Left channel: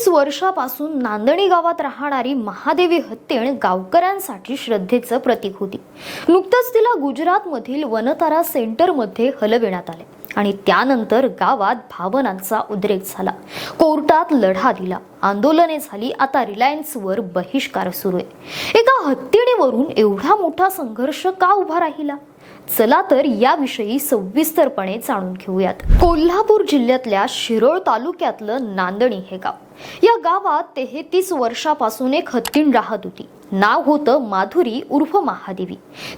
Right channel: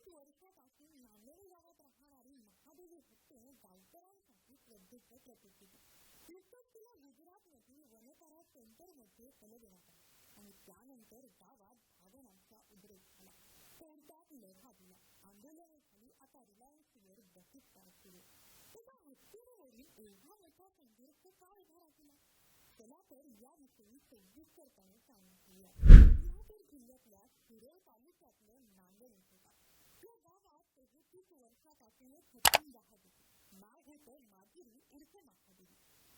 तीस वर्षापासून नांदणी गावात राहणारी महादेवी हत्तीण गावकऱ्यांसाठी श्रद्धेचं प्रतीक होती. नुकतंच तिला गुजरातमधील वनतारा सेंटरमध्ये हलविण्यात आले आणि त्यानंतर गावात भावनांचा उद्रेक झाला. कोर्टात लढा दिला. आंदोलने झाली. आता रिलायन्सवर बहिष्कार सुरू आहे. एका हत्तीणीवरून एवढा मोठा संघर्ष का उभा राहिला? चला तर याविषयी सविस्तरपणे जाणून घेऊयात. कोल्हापूर जिल्ह्यातल्या शिरोळ तालुक्यातलं नांदणी हे गाव. या गावात तेहतीस वर्षापासून एक हत्तीण राहत होती. नाव होतं माधुरी उर्फ महादेवी.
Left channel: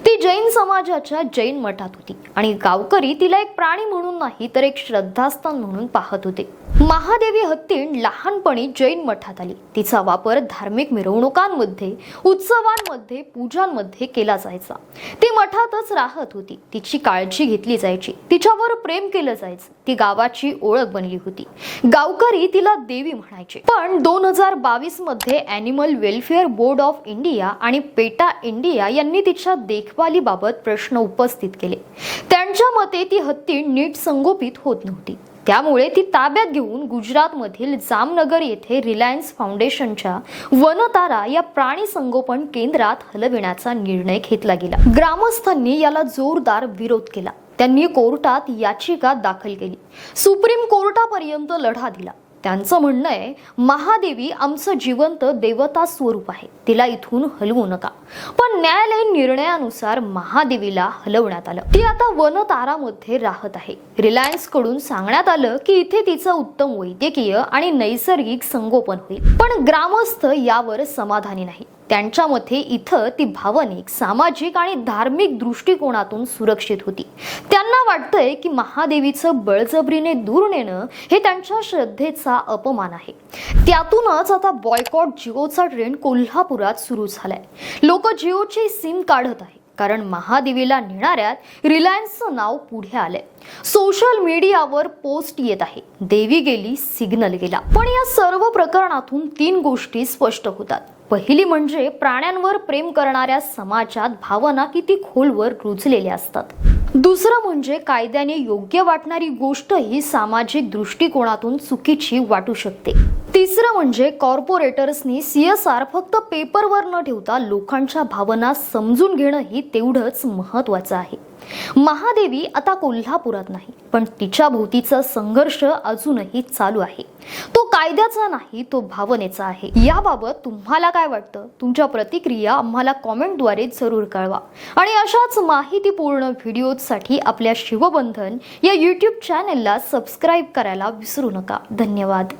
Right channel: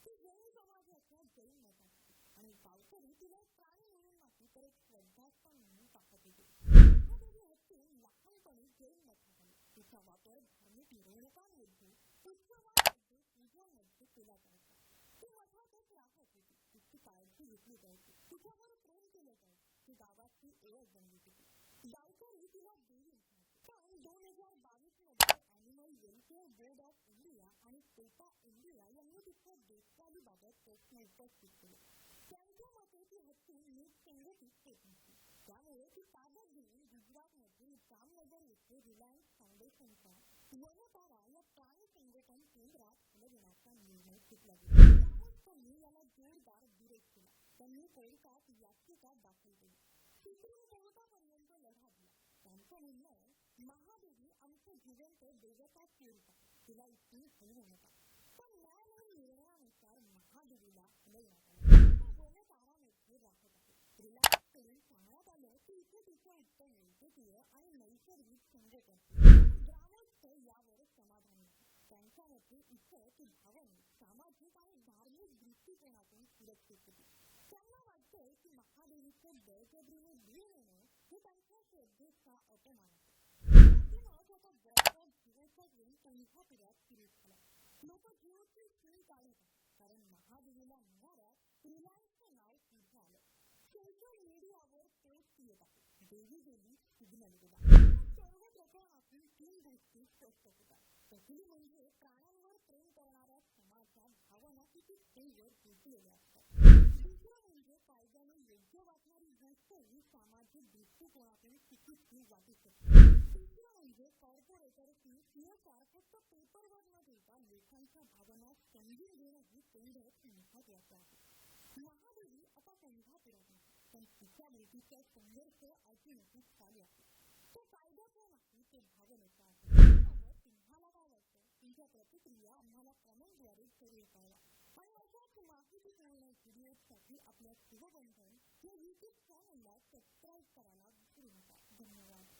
ती जैन समाजाच्या जैन मठात होती आणि गावकरी तिला एक प्राणी म्हणून नाही तर एक श्रद्धास्थान म्हणून पाहत होते. महादेवी हत्तीण लहानपणी जैन मठात आली. तिचा वापर धार्मिक मिरवणुकांमध्ये उत्सवांमध्ये पूजांमध्ये केला जायचा. ती मठातच राहत होती. तिची काळजी घेतली जायची. तिच्यावर प्रेम केलं जायचं. ती गावाची ओळख बनली होती. गावकरी तिला देवी म्हणायचे. पण दोन हजार बावीसमध्ये animal welfare board of India आणि पेटा इंडिया यांनी तिच्या देखभालीबाबत प्रश्न उपस्थित केले. त्यांच्या मते ती हत्ती नीट संगोपित होत नव्हती. त्यामुळे ती ताब्यात घेऊन गुजरातमधील जामनगर येथे रिलायन्स फाउंडेशनच्या वनतारा या प्राणी संगोपन केंद्रात हलविण्याचा निर्णय घेतला गेला. ग्रामस्थांनी याला जोरदार विरोध केला. त्यांनी कोर्टात याचिका दाखल केली. सुप्रीम कोर्टापर्यंत लढा दिला. त्यांचं म्हणणं आहे महादेवी आमचं जिवंत देवता स्वरूप आहे तिला इथून हलवू नका. पण न्यायालयीन निर्णयानुसार महादेवीला हलवण्यात आलं. ती आता वनतारामध्ये राहत आहे. रिलायन्सकडून सांगण्यात आलं की इथे तिचं उत्तम वैद्यकीय आणि नैसर्गिक संगोपन होईल. पण ग्रामस्थ यावर समाधानी नाही. त्यांच्या मते इथं ती भावनिक सामाजिक आणि धार्मिक दृष्टिकोनातून सुरक्षित होती. त्यांना वाटतंय की महादेवीचं बळजबरीने दूर नेणं हे त्यांच्या श्रद्धेचा अपमान आहे. त्यातूनच आता बॉयकॉट जिओचा ट्रेंड कोल्हापुरात सुरू झालाय. लोक जिओचे सिम काढत आहे कारण महादेवीला नेणाऱ्यात रिलायन्सचं नाव पुढे आलंय. सोशल मीडियावर पोस्ट येत आहे. देवी गेली सिग्नल गेला. पण या सर्व प्रकरणातून तीन गोष्टी स्पष्ट होतात. पहिली म्हणजे प्राण्यांवर प्रेम करणाऱ्या समाजात भावना किती खोलवर रुजलेल्या असतात. दुसरं म्हणजे कायद्याने योग्य वाटणारी गोष्ट ही सामाजिक दृष्टिकोनातून चुकीची वाटू शकते. तिसरं म्हणजे कॉर्पोरेटर्सनी सी एस आर फक्त पेपरवर न ठेवता लोकांच्या भावना समजून घेणंही तेवढंच महत्वाचं आहे. महादेवी आता कोल्हापुरात नाही पण तिच्या भोवतीचा संघर्ष अजूनही चालू आहे. तो कायद्याचा नाही तो भावनेचा आहे. याबाबत तुम्हाला काय वाटतं? तुमच्या प्रतिक्रिया आम्हाला कॉमेंटद्वारे जरूर कळवा. आणि अशाच माहितीपूर्ण व्हिडिओसाठी आपल्या शिवबंधन या यूट्यूब चॅनेलला सबस्क्राईब करायला विसरू नका. धन्यवाद.